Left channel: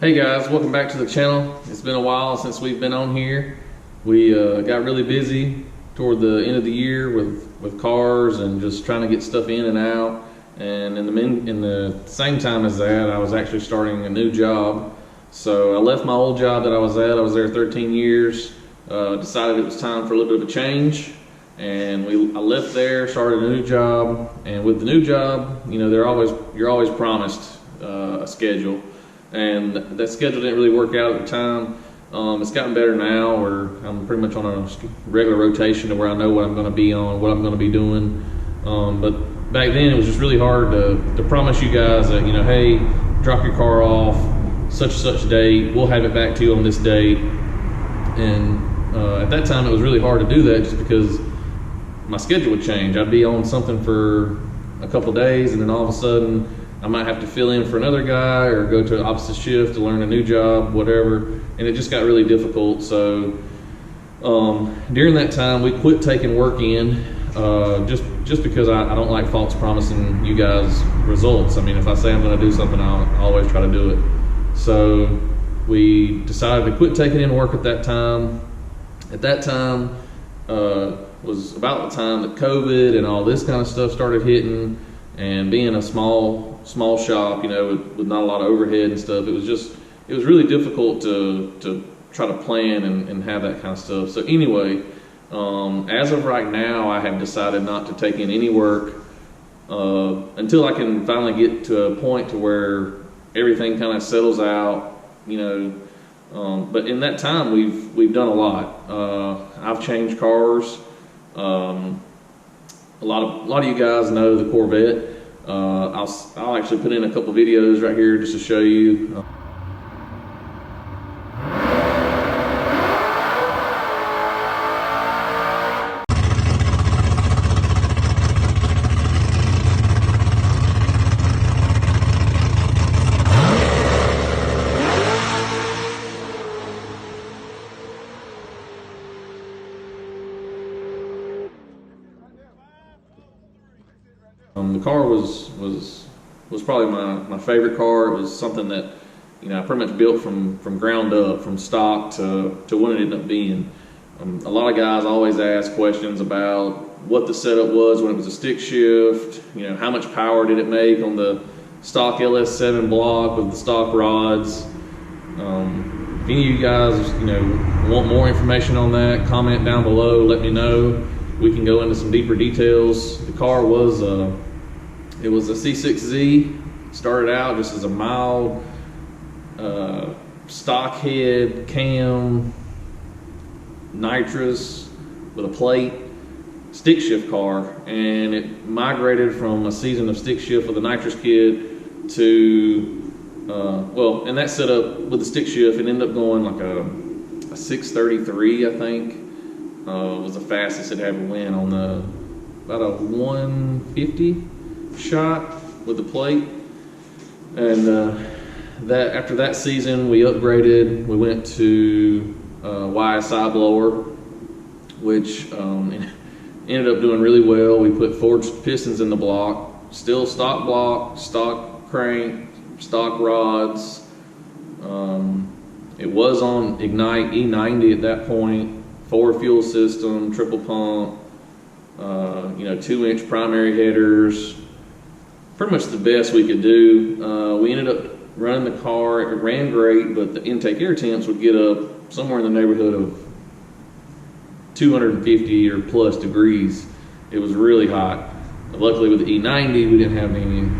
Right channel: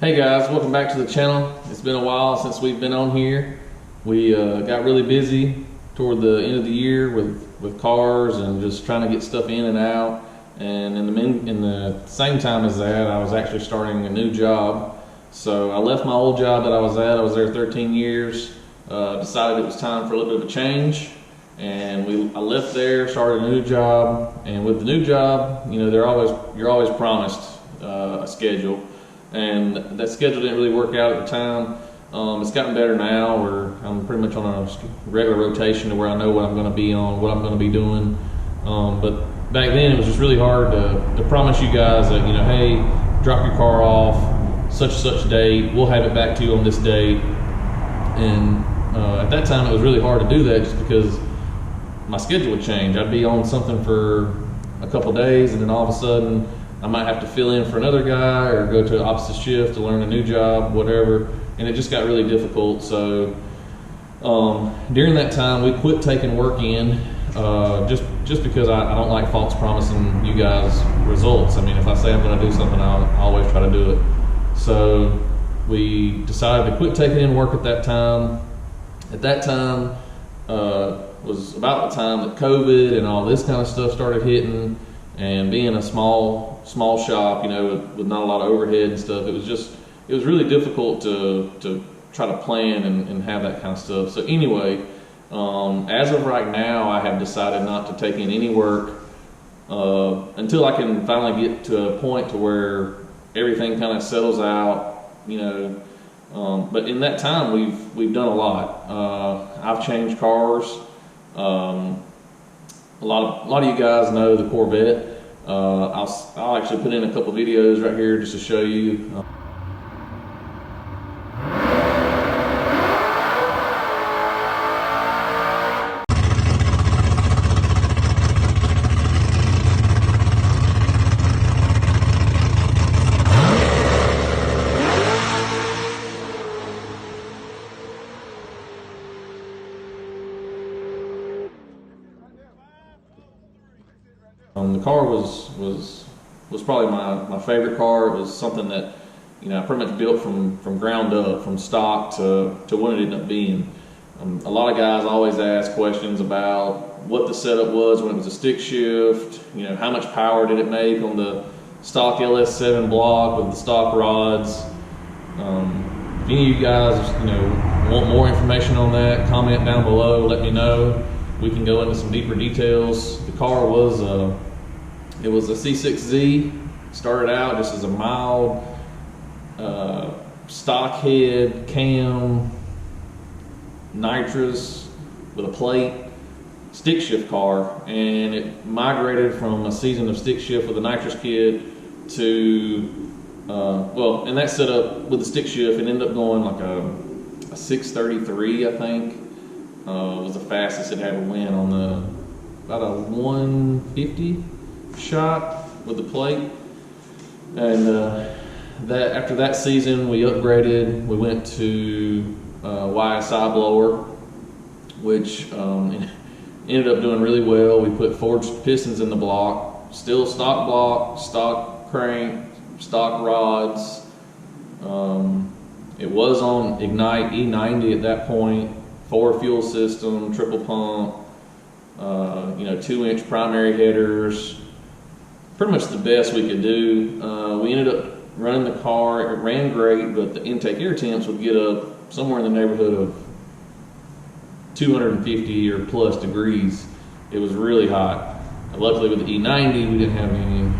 Hey guys, welcome back to the channel. It's been a while since we've been on here. We got really busy toward the end of the year with cars and just trying to get stuff in and out. And in the same time as that, I was actually starting a new job. So I left my old job that I was at. I was there 13 years. Decided it was time for a little bit of a change. And I left there, started a new job. And with the new job, you know, you're always promised a schedule. And that schedule didn't really work out at the time. It's gotten better now, where I'm pretty much on a regular rotation to where I know what I'm going to be on, what I'm going to be doing. But back then it was just really hard to promise you guys that, you know, hey, drop your car off such and such date, we'll have it back to you on this date. And at that time it was really hard to do that just because my schedule would change. I'd be on something for a couple days and then all of a sudden I might have to fill in for another guy or go to an opposite shift to learn a new job, whatever, and it just got really difficult. So during that time, we quit taking work in just because I don't like false promising you guys results. I mean, if I say I'm going to do something, I'll always try to do it. So we decided to quit taking in work at that time. At that time was about the time that COVID and all this kind of stuff started hitting. And being a small shop, you know, with not a lot of overhead and stuff, it was really difficult to try to plan and have that kind of stuff. So anyway, as of right now, I have decided not to take in any work until I can finally get to a point to where everything kind of settles out, you know. But in that time, we've done a lot. I've changed cars. A lot of you guys know the Corvette. I'll actually put in a couple videos right here just to show you. The car was probably my favorite car. It was something that, you know, I pretty much built from ground up, from stock to what it ended up being. A lot of guys always ask questions about what the setup was when it was a stick shift. You know, how much power did it make on the stock LS7 block with the stock rods. If any of you guys, you know, want more information on that, comment down below. Let me know. We can go into some deeper details. The car was it was a C6Z. Started out just as a mild stock head cam nitrous with a plate stick shift car, and it migrated from a season of stick shift with a nitrous kit to well, in that setup with the stick shift, it ended up going like a 633, I think. Was the fastest it ever went on about a 150 shot with the plate. And that after that season we upgraded. We went to YSI blower, which ended up doing really well. We put forged pistons in the block, still stock block, stock crank, stock rods. It was on Ignite E90 at that point, 4 fuel system, triple pump, you know, 2-inch primary headers. Pretty much the best we could do. We ended up running the car. It ran great, but the intake air temps would get up somewhere in the neighborhood of 250 or plus degrees. It was really hot. Luckily with the E90, we didn't have any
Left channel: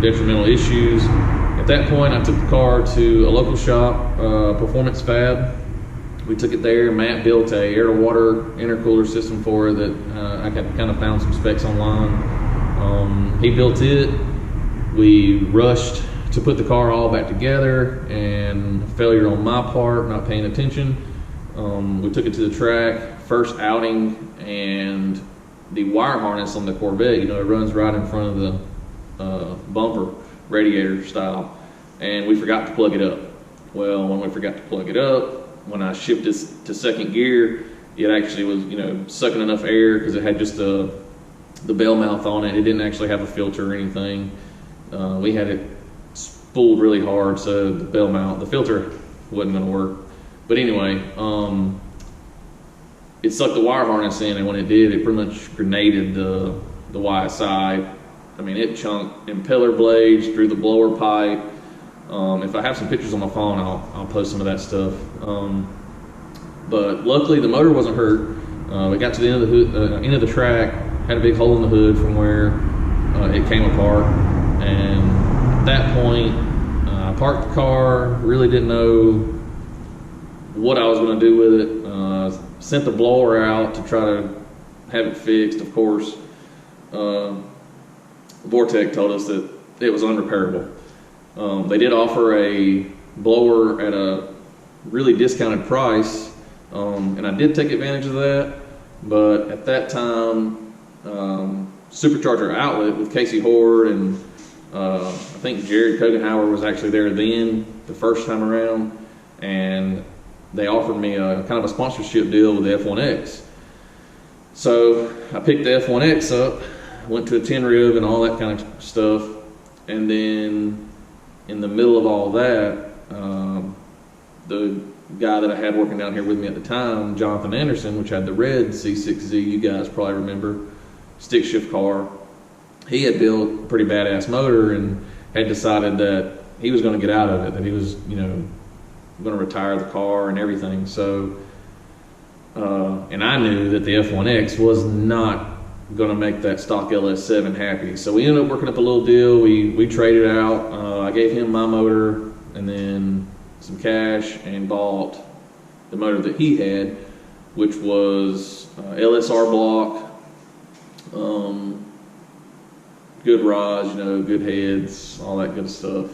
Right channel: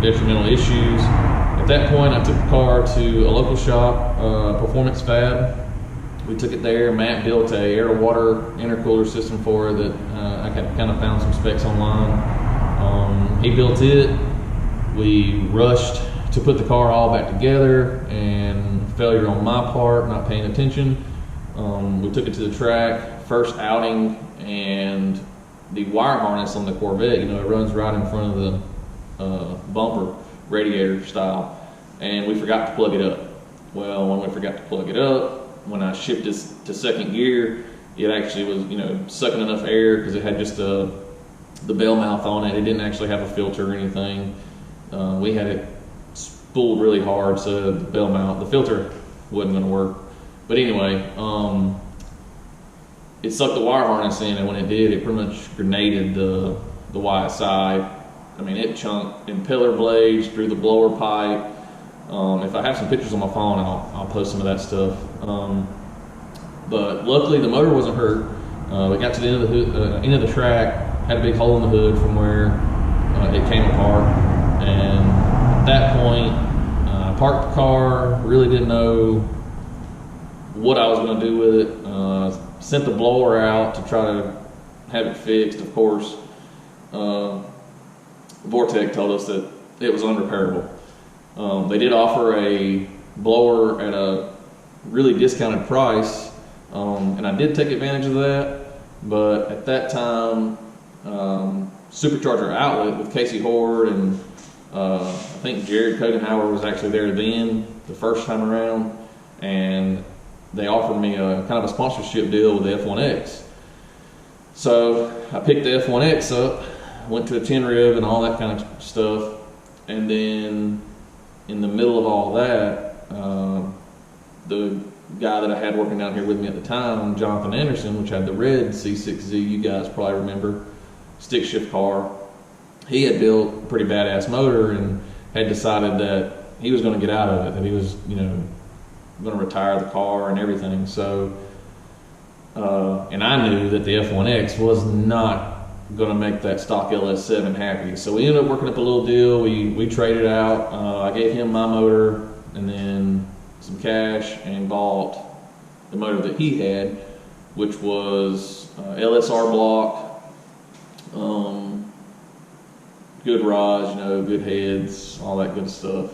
detrimental issues. At that point, I took the car to a local shop, Performance Fab. We took it there. Matt built a air-to-water intercooler system for it that I kind of found some specs online. He built it. We rushed to put the car all back together, and failure on my part, not paying attention. We took it to the track, first outing, and the wire harness on the Corvette, you know, it runs right in front of the bumper, radiator style, and we forgot to plug it up. Well, when we forgot to plug it up, when I shifted to second gear, it actually was, you know, sucking enough air because it had just the bell mouth on it. It didn't actually have a filter or anything. We had it spooled really hard, so the bell mount, the filter wasn't going to work. But anyway, it sucked the wire harness in, and when it did, it pretty much grenaded the YSI. I mean, it chunked impeller blades through the blower pipe. If I have some pictures on my phone, I'll post some of that stuff. But luckily, the motor wasn't hurt. We got to the end of the hood, end of the track, had a big hole in the hood from where it came apart, and at that point, I parked the car. Really didn't know what I was going to do with it. Sent the blower out to try to have it fixed. Of course, Vortec told us that it was unrepairable. They did offer a blower at a really discounted price, and I did take advantage of that. But at that time, Supercharger Outlet with Casey Horde and I think Jared Kogenhauer was actually there then the first time around, and they offered me a kind of a sponsorship deal with the F1X. So I picked the F1X up, went to a 10 rib and all that kind of stuff, and then in the middle of all that, the guy that I had working down here with me at the time, Jonathan Anderson, which had the red C6Z, you guys probably remember, stick shift car, he had built a pretty badass motor and had decided that he was going to get out of it, that he was, going to retire the car and everything. So, and I knew that the F1X was not going to make that stock LS7 happy. So we ended up working up a little deal. We traded out. I gave him my motor and then some cash and bought the motor that he had, which was LSR block, good rods, good heads, all that good stuff.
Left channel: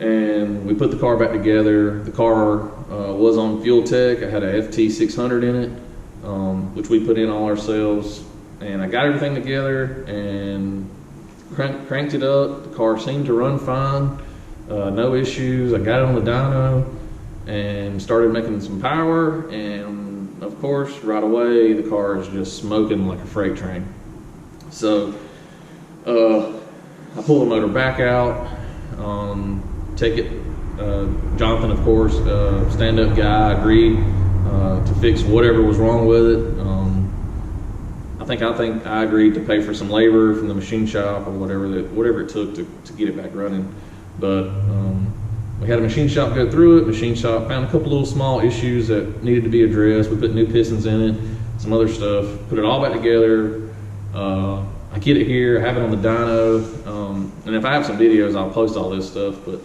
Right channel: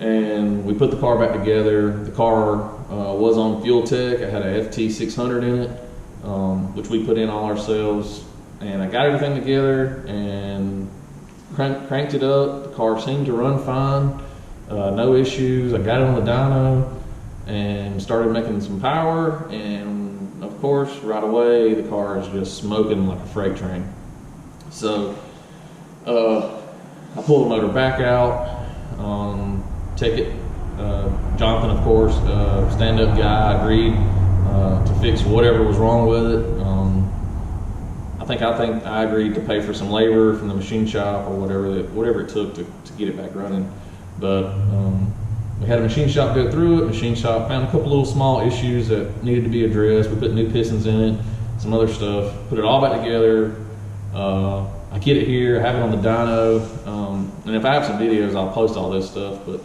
And we put the car back together. The car was on Fuel Tech. I had a FT600 in it, which we put in all ourselves. And I got everything together and cranked it up. The car seemed to run fine, no issues. I got it on the dyno and started making some power. And of course, right away, the car is just smoking like a freight train. So I pulled the motor back out, take it, Jonathan, of course, stand-up guy, agreed to fix whatever was wrong with it. I think I agreed to pay for some labor from the machine shop or whatever it took to get it back running. But we had a machine shop go through it. Machine shop found a couple little small issues that needed to be addressed. We put new pistons in it, some other stuff, put it all back together. I get it here, I have it on the dyno, and if I have some videos, I'll post all this stuff. But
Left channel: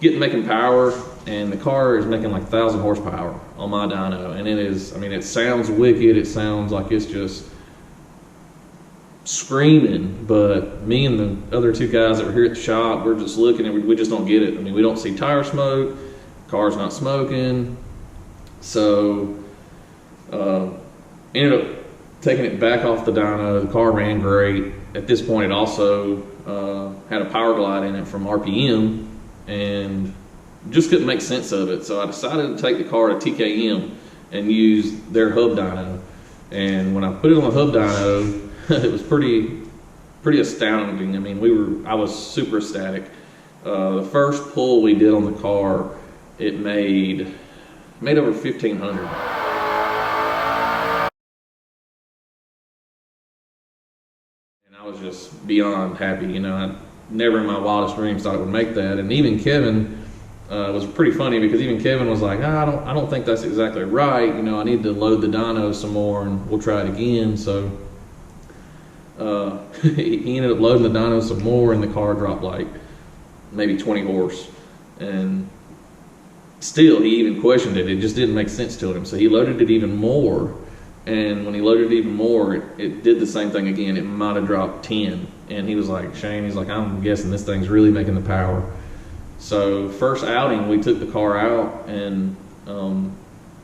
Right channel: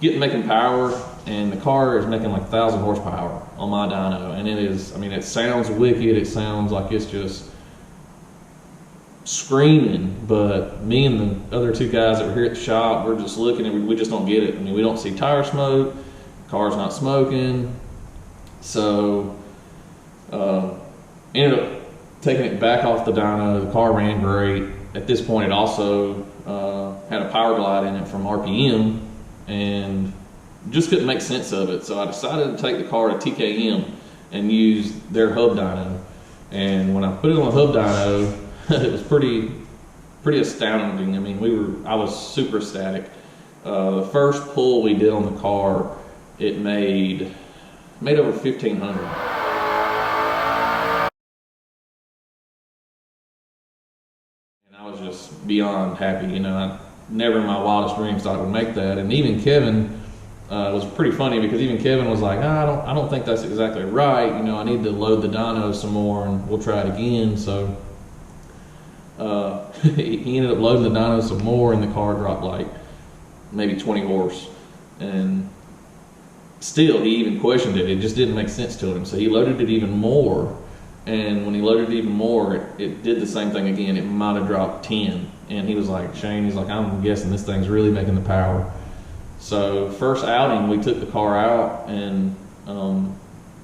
making power, and the car is making like 1,000 horsepower on my dyno, and it is, it sounds wicked. It sounds like it's just screaming, but me and the other two guys that were here at the shop, we're just looking and we just don't get it. We don't see tire smoke, car's not smoking. So ended up taking it back off the dyno. The car ran great. At this point, it also had a power glide in it from RPM, and just couldn't make sense of it. So I decided to take the car to TKM and use their hub dyno. And when I put it on the hub dyno, it was pretty astounding. I was super ecstatic. The first pull we did on the car, it made over 1,500. And I was just beyond happy. I never in my wildest dreams thought it would make that. And even Kevin was pretty funny, because even Kevin was like, I don't think that's exactly right. I need to load the dyno some more and we'll try it again. So he ended up loading the dyno some more, and the car dropped like maybe 20 horse. And still, he even questioned it. It just didn't make sense to him. So he loaded it even more. And when he loaded it even more, it did the same thing again. It might have dropped 10. And he was like, Shane, he's like, I'm guessing this thing's really making the power. So first outing, we took the car out, and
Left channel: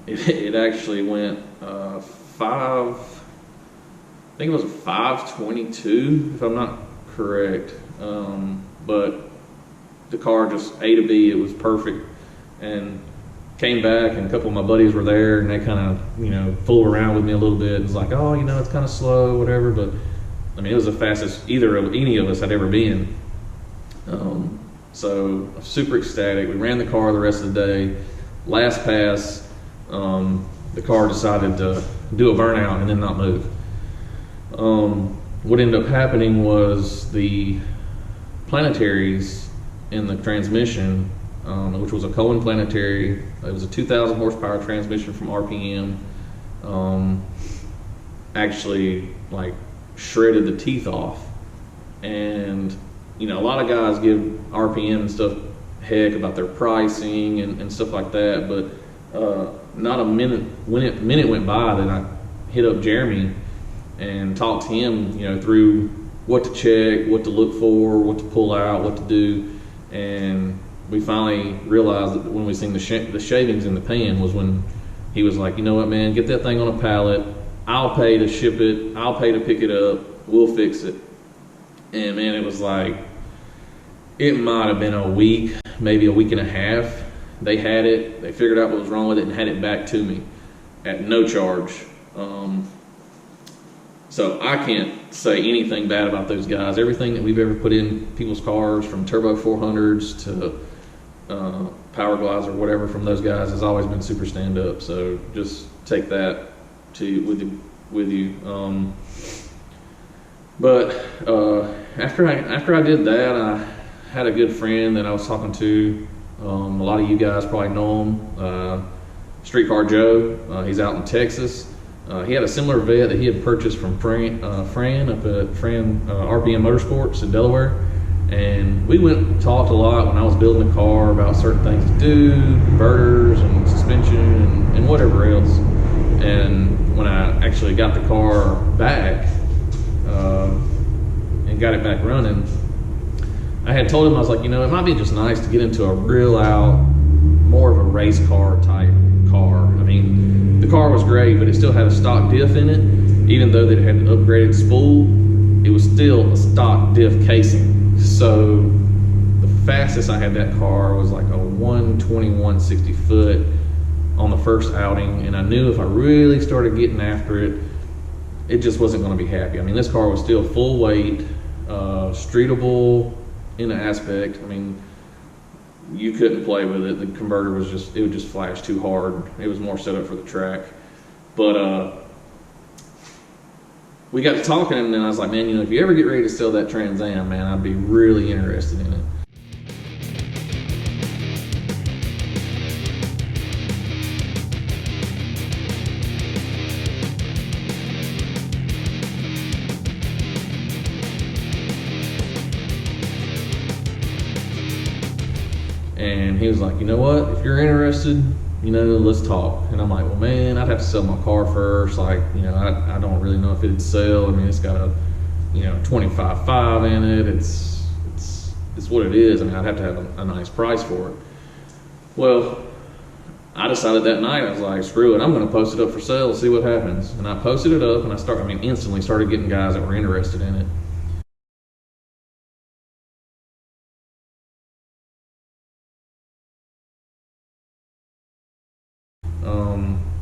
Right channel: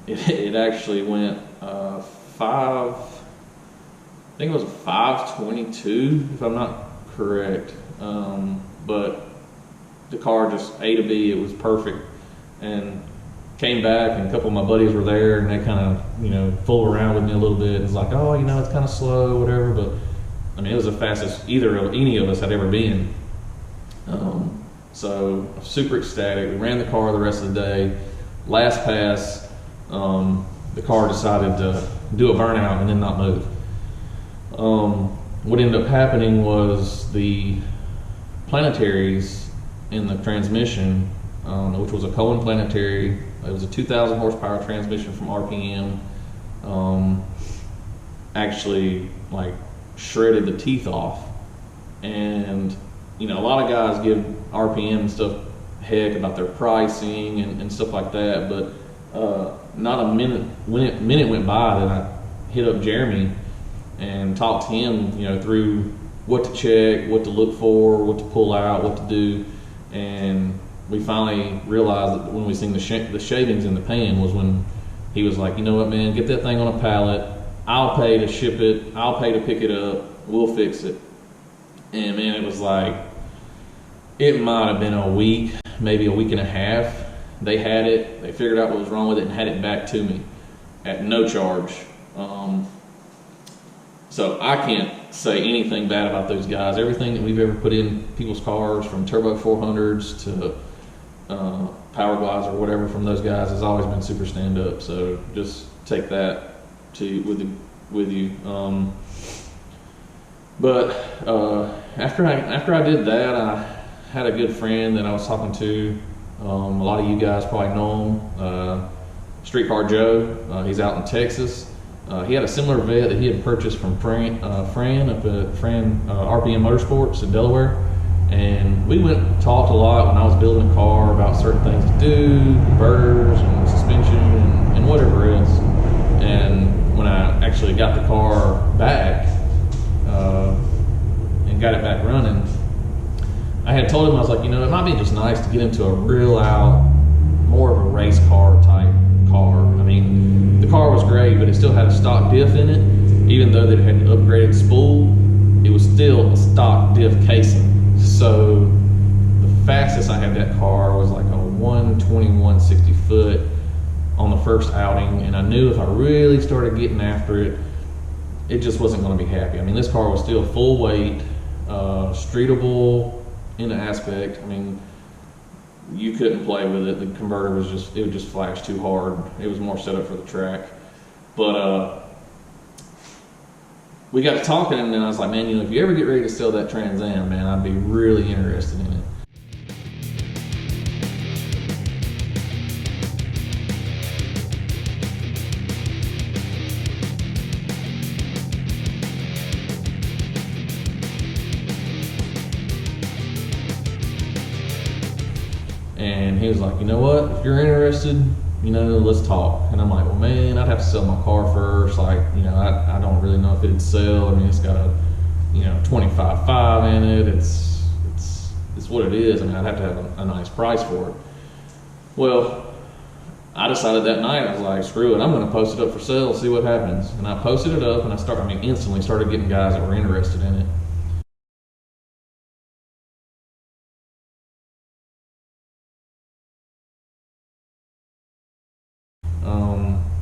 it actually went 522, if I'm not correct. But the car just A to B, it was perfect. And came back, and a couple of my buddies were there, and they kind of, fooled around with me a little bit. And it's like, oh, it's kind of slow, whatever. But it was the fastest any of us had ever been. So I'm super ecstatic. We ran the car the rest of the day. Last pass, the car decided to do a burnout and then not move. What ended up happening was the planetaries in the transmission, which was a Cohen planetary. It was a 2,000 horsepower transmission from RPM. Actually, like, shredded the teeth off. And you know, a lot of guys give RPM and stuff heck about their pricing and stuff like that, but not a minute went by that I hit up Jeremy and talked to him, you know, through what to check, what to look for, what to pull out, what to do. And we finally realized that when we seen the shavings in the pan was when he was like, you know what, man, get that thing on a pallet. I'll pay to ship it. I'll pay to pick it up. We'll fix it. And man, it was like, it might have been a week, maybe a week and a half. They had it. They figured out what was wrong with it and had it back to me at no charge. So I can't say anything bad about those guys. Everything that we've ever put in people's cars, from turbo 400s to power glides or whatever, from those guys has always been super stand up. So just take that with you. But after I did that, I had a good friend that I was talking to. A lot of you guys probably know him, Streetcar Joe. He's out in Texas. He had a similar vet that he had purchased from Fran up at RPM Motorsports in Delaware. And we went and talked a lot when I was building the car about certain things to do, converters and suspension and whatever else. And when I actually got the car back and got it back running, I had told him, I was like, you know, it might be just nice to get into a real out, more of a race car type car. I mean, the car was great, but it still had a stock diff in it. Even though that it had an upgraded spool, it was still a stock diff casing. So the fastest I had that car was like a 121/60 foot on the first outing, and I knew if I really started getting after it, it just wasn't going to be happy. I mean, this car was still full weight, streetable in an aspect. I mean, you couldn't play with it. The converter was just, it would just flash too hard. It was more set up for the track. But we got to talking, and then I was like, man, you know, if you ever get ready to sell that Trans Am, man, I'd be really interested in it. And he was like, you know what, if you're interested, you know, let's talk. And I'm like, well, man, I'd have to sell my car first. Like, you know, I don't really know if it'd sell. I mean, it's got a, you know, 25.5 in it. It's what it is. I mean, I'd have to have a nice price for it. Well, I decided that night, I was like, screw it, I'm going to post it up for sale, see what happens. And I posted it up, and instantly started getting guys that were interested in it.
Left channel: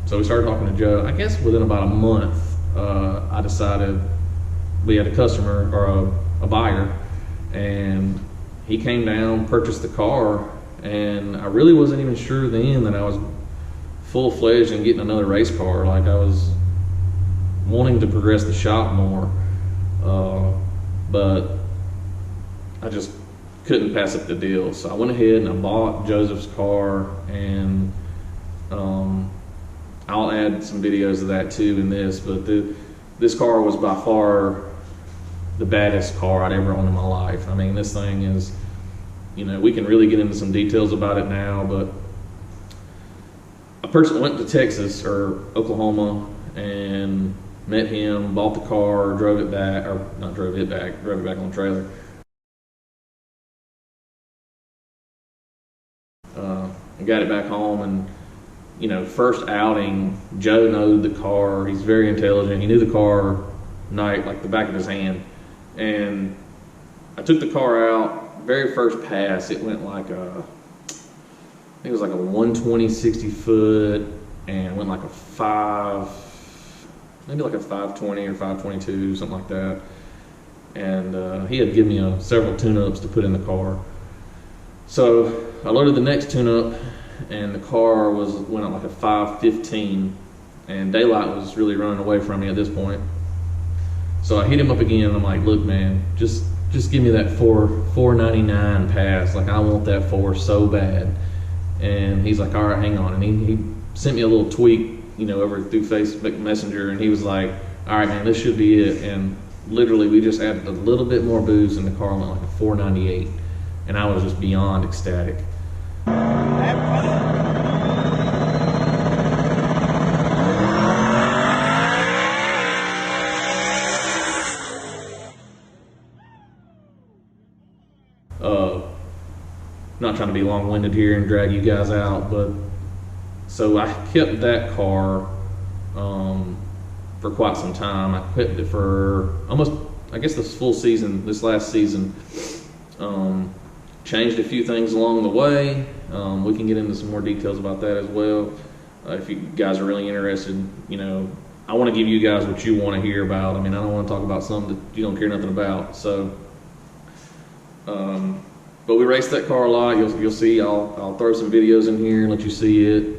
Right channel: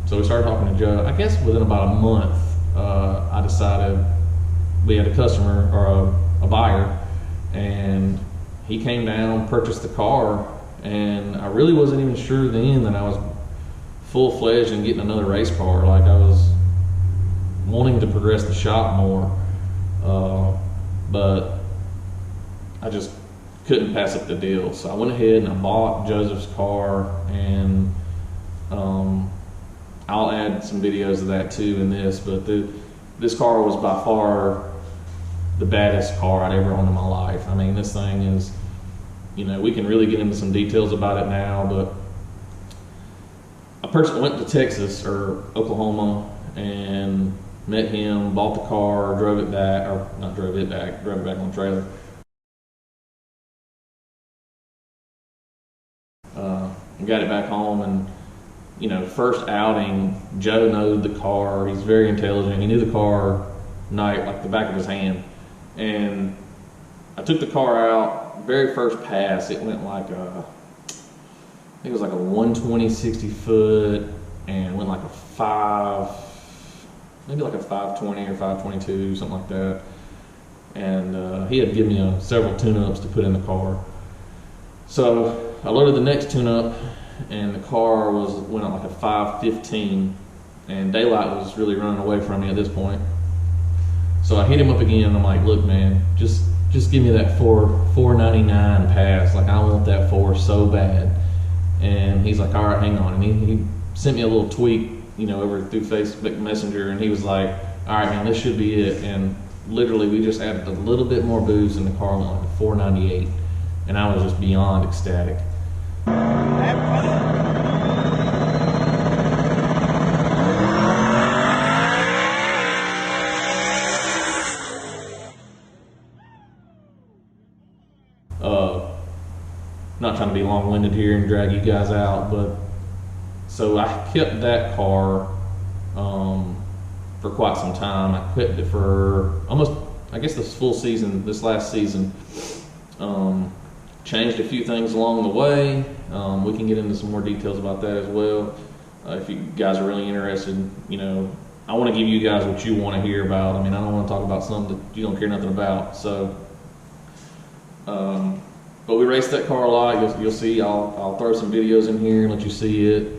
So we started talking to Joe. I guess within about a month, I decided we had a customer, or a buyer, and he came down, purchased the car, and I really wasn't even sure then that I was full-fledged in getting another race car. Like, I was wanting to progress the shop more, but I just couldn't pass up the deal. So I went ahead and I bought Joseph's car, and I'll add some videos of that too in this, but this car was by far the baddest car I'd ever owned in my life. I mean, this thing is, you know, we can really get into some details about it now, but I went to Texas or Oklahoma and met him, bought the car, drove it back on the trailer. And got it back home, and you know, first outing, Joe knowed the car. He's very intelligent. He knew the car like the back of his hand. And I took the car out. Very first pass, it went like I think it was like a 120/60 foot, and went like maybe like a 520 or 522, something like that. and he had given me several tune-ups to put in the car. So I loaded the next tune-up, and the car went at like a 515, and daylight was really running away from me at this point. So I hit him up again, and I'm like, look man, just give me that 499 pass. Like, I want that 4 so bad. And he's like, all right, hang on. And he sent me a little tweet, over through Facebook Messenger, and he was like, all right man, this should be it. And literally we just added a little bit more boost, and the car went like a 498, and I was just beyond ecstatic. Not trying to be long-winded here and drag you guys out, but so I kept that car for quite some time. I kept it for almost, I guess, this full season, this last season. Changed a few things along the way. We can get into some more details about that as well. If you guys are really interested, I want to give you guys what you want to hear about. I mean, I don't want to talk about something that you don't care nothing about. So, but we raced that car a lot. You'll see. I'll throw some videos in here and let you see it.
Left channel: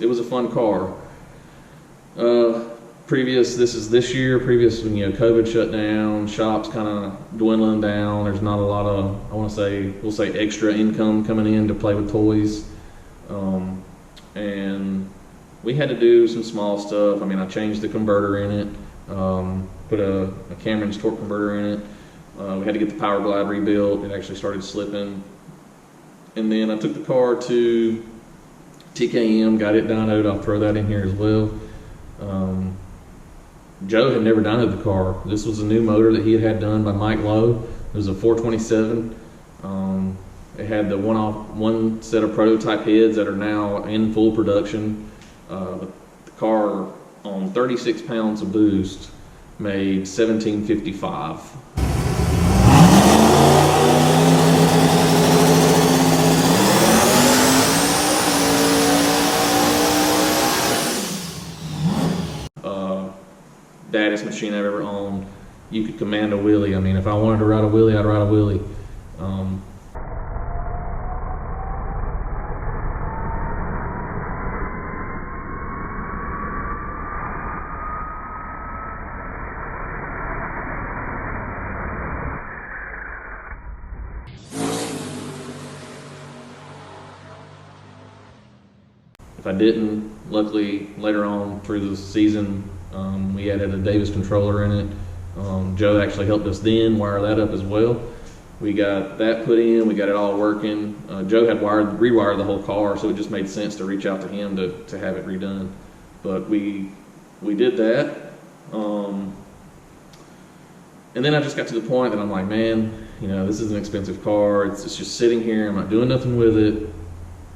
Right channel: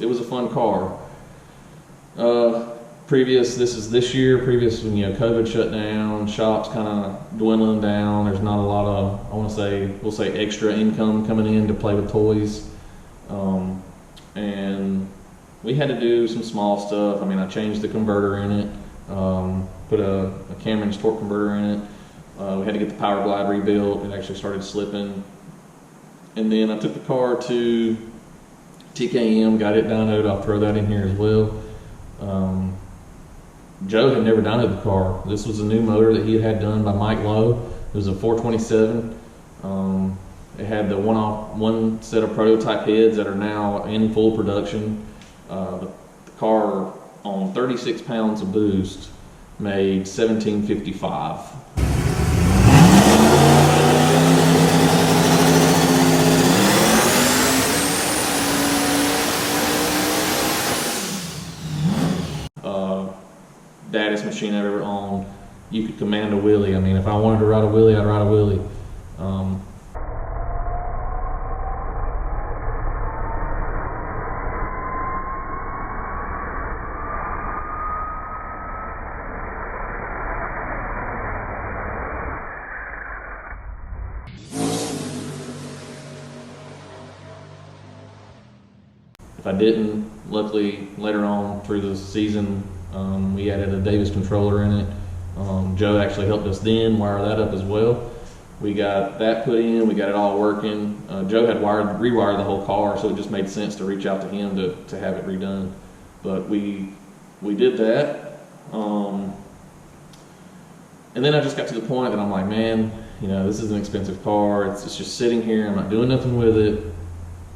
It was a fun car. This year, when COVID shut down, shops kind of dwindling down. There's not a lot of, we'll say extra income coming in to play with toys. And we had to do some small stuff. I mean, I changed the converter in it, put a Cameron's torque converter in it. We had to get the power glide rebuilt. It actually started slipping. And then I took the car to TKM, got it dynoed. I'll throw that in here as well. Joe had never dynoed the car. This was a new motor that he had done by Mike Lowe. It was a 427. It had the one set of prototype heads that are now in full production. But the car, on 36 pounds of boost, made 1755. Baddest machine I've ever owned. You could command a wheelie. I mean, if I wanted to ride a wheelie, I'd ride a wheelie. If I didn't, luckily later on through the season, we added a Davis controller in it. Joe actually helped us then wire that up as well. We got that put in, we got it all working. Joe had rewired the whole car, so it just made sense to reach out to him to have it redone. But we did that. And then I just got to the point that I'm like, man, this is an expensive car. It's just sitting here. I'm not doing nothing with it.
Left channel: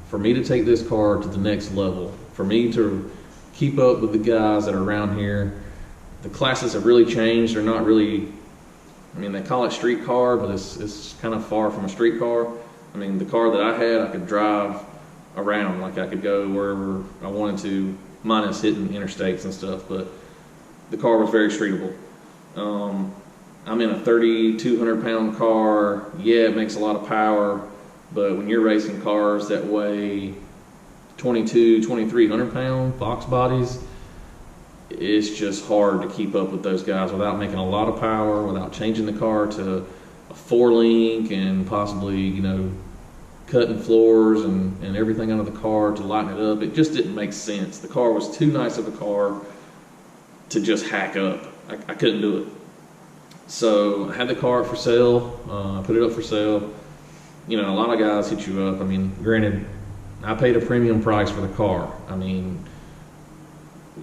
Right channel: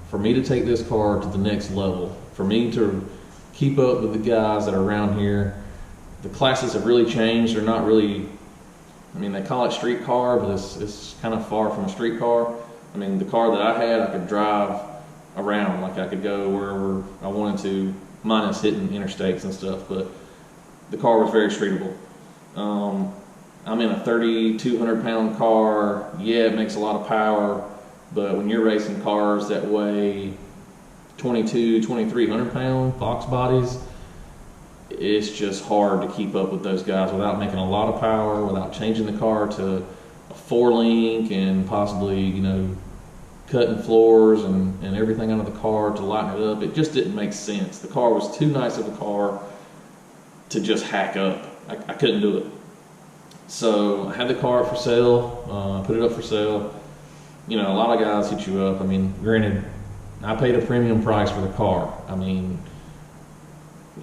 For me to take this car to the next level, for me to keep up with the guys that are around here, the classes have really changed. They're not really, they call it street car, but it's kind of far from a street car. The car that I had, I could drive around, like I could go wherever I wanted to, minus hitting interstates and stuff, but the car was very streetable. I'm in a 3,200 pound car. Yeah, it makes a lot of power, but when you're racing cars that weigh 2,300 pound box bodies, it's just hard to keep up with those guys without making a lot of power, without changing the car to a 4-link and possibly, you know, cutting floors and everything under the car to lighten it up. It just didn't make sense. The car was too nice of a car to just hack up. I couldn't do it. So I had the car up for sale, put it up for sale. You know, a lot of guys hit you up. I mean, granted, I paid a premium price for the car. I mean,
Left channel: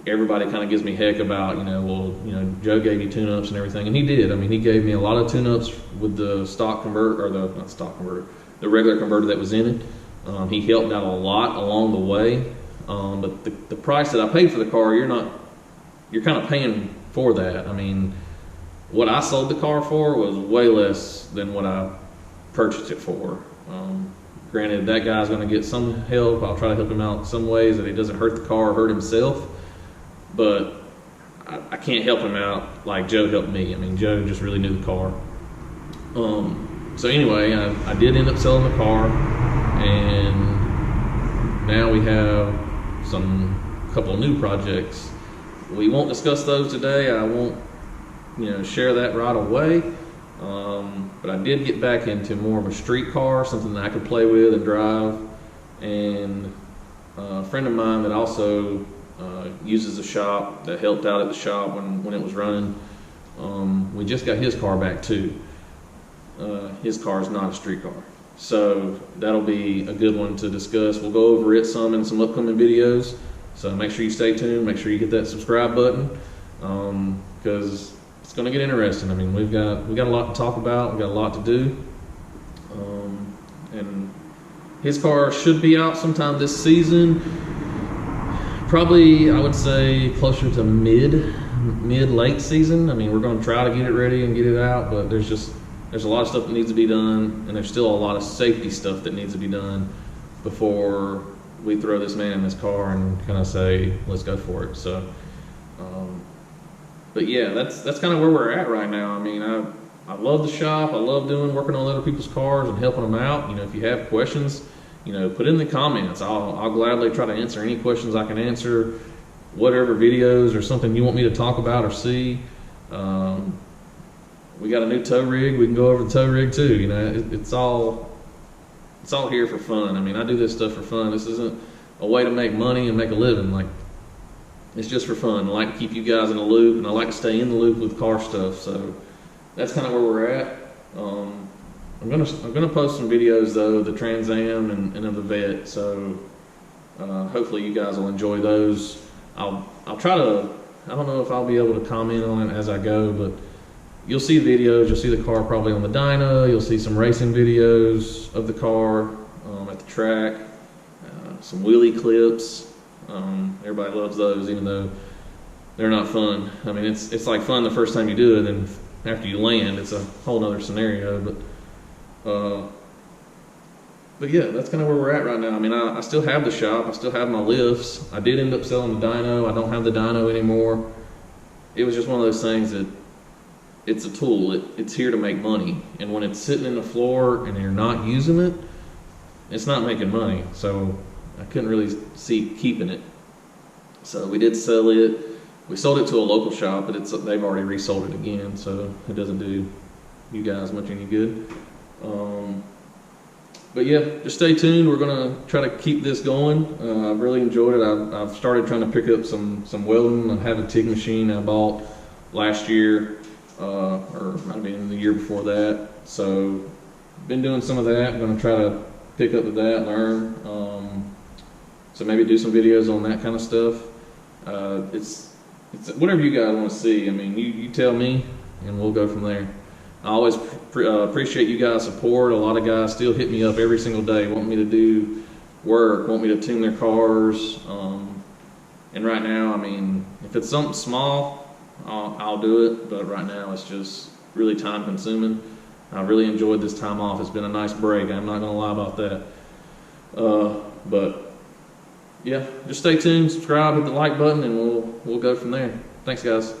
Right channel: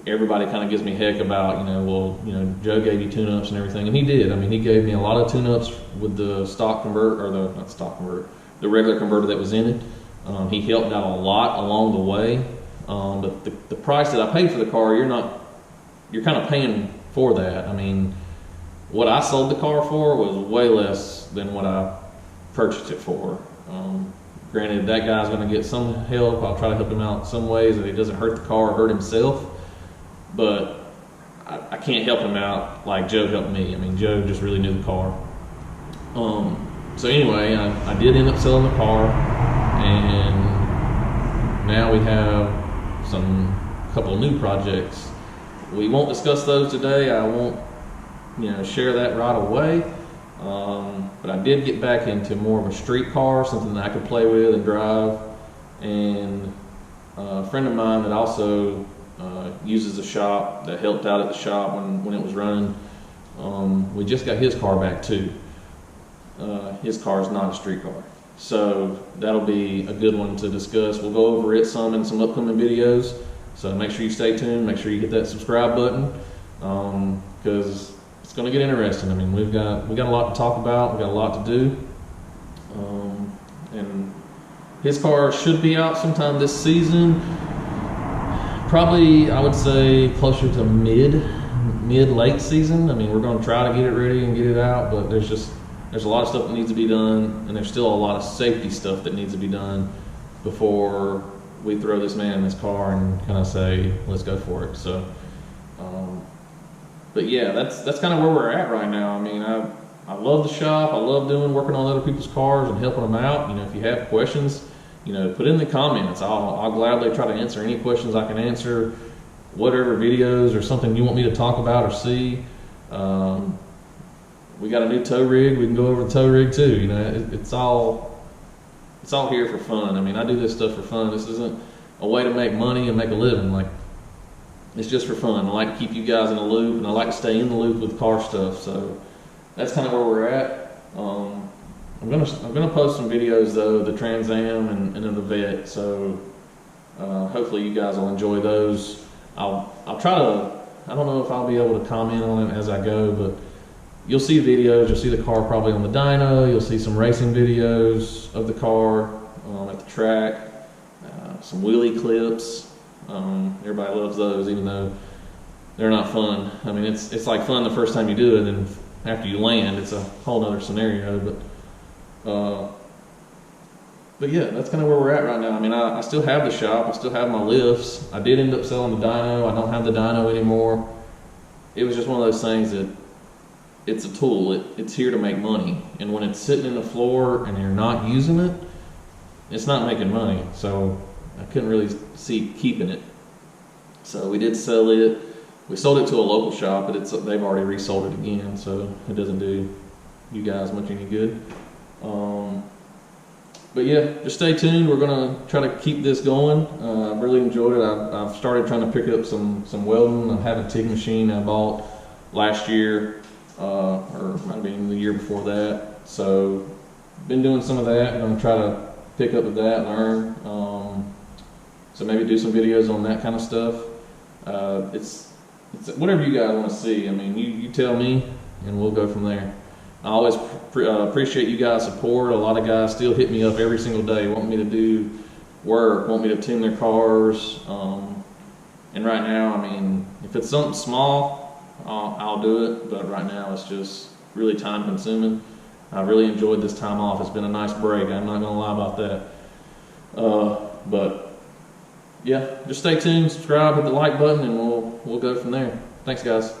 everybody kind of gives me heck about, you know, well, you know, Joe gave you tune-ups and everything, and he did. I mean, he gave me a lot of tune-ups with the stock converter, or the, not stock converter, the regular converter that was in it. He helped out a lot along the way. But the price that I paid for the car, you're kind of paying for that. I mean, what I sold the car for was way less than what I purchased it for. Granted, that guy's going to get some help. I'll try to help him out some ways that he doesn't hurt the car or hurt himself. But I can't help him out like Joe helped me. I mean, Joe just really knew the car. So anyway, I did end up selling the car, and now we have a couple new projects. We won't discuss those today. I won't, you know, share that right away. But I did get back into more of a street car, something that I could play with and drive. And a friend of mine that also uses the shop, that helped out at the shop when it was running, we just got his car back too. His car is not a street car. So that'll be a good one to discuss. We'll go over it some in some upcoming videos. So make sure you stay tuned. Make sure you hit that subscribe button, because it's going to get interesting. I mean, we got a lot to talk about. We got a lot to do. And his car should be out sometime this season. Probably, I would say, closer to mid-late season. I mean, we're going to try to get it ready and get it out, but there's a lot of stuff that needs to be done, and there's still a lot of safety stuff that needs to be done before we throw this man in his car and kind of say, let's go for it. So, but yeah, that's kind of where we're at right now. I mean, I love the shop. I love working on other people's cars and helping them out. You know, if you have questions, you know, put in the comments. I'll gladly try to answer any questions I can answer, whatever videos or something you want me to talk about or see. We got a new tow rig. We can go over the tow rig too. You know, it's all here for fun. I mean, I do this stuff for fun. This isn't a way to make money and make a living. Like, it's just for fun. I like to keep you guys in the loop, and I like to stay in the loop with car stuff. So that's kind of where we're at. I'm gonna post some videos though, of the Trans Am and of the Vet. So hopefully you guys will enjoy those. I'll try to. I don't know if I'll be able to comment on it as I go, but you'll see videos. You'll see the car probably on the dyno. You'll see some racing videos of the car at the track. Some wheelie clips. Everybody loves those, even though they're not fun. I mean, it's like fun the first time you do it, and after you land, it's a whole nother scenario. But yeah, that's kind of where we're at right now. I mean, I still have the shop. I still have my lifts. I did end up selling the dyno. I don't have the dyno anymore. It was just one of those things that it's a tool. It's here to make money. And when it's sitting in the floor and you're not using it, it's not making money. So I couldn't really see keeping it. So we did sell it. We sold it to a local shop, but they've already resold it again, so it doesn't do you guys much any good. But yeah, just stay tuned. We're gonna try to keep this going. I've really enjoyed it. I've started trying to pick up some welding. I have a TIG machine I bought last year, or might have been the year before that. So been doing some of that. I'm gonna try to pick up with that, learn. So maybe do some videos on that kind of stuff. It's whatever you guys want to see. I mean, you tell me, and we'll go from there. I always appreciate you guys' support. A lot of guys still hit me up every single day, want me to do work, want me to tune their cars. And right now, I mean, if it's something small, I'll do it. But right now, it's just really time consuming. I've really enjoyed this time off. It's been a nice break. I'm not going to lie about that. But yeah, just stay tuned, subscribe, hit the like button, and we'll go from there. Thanks, guys.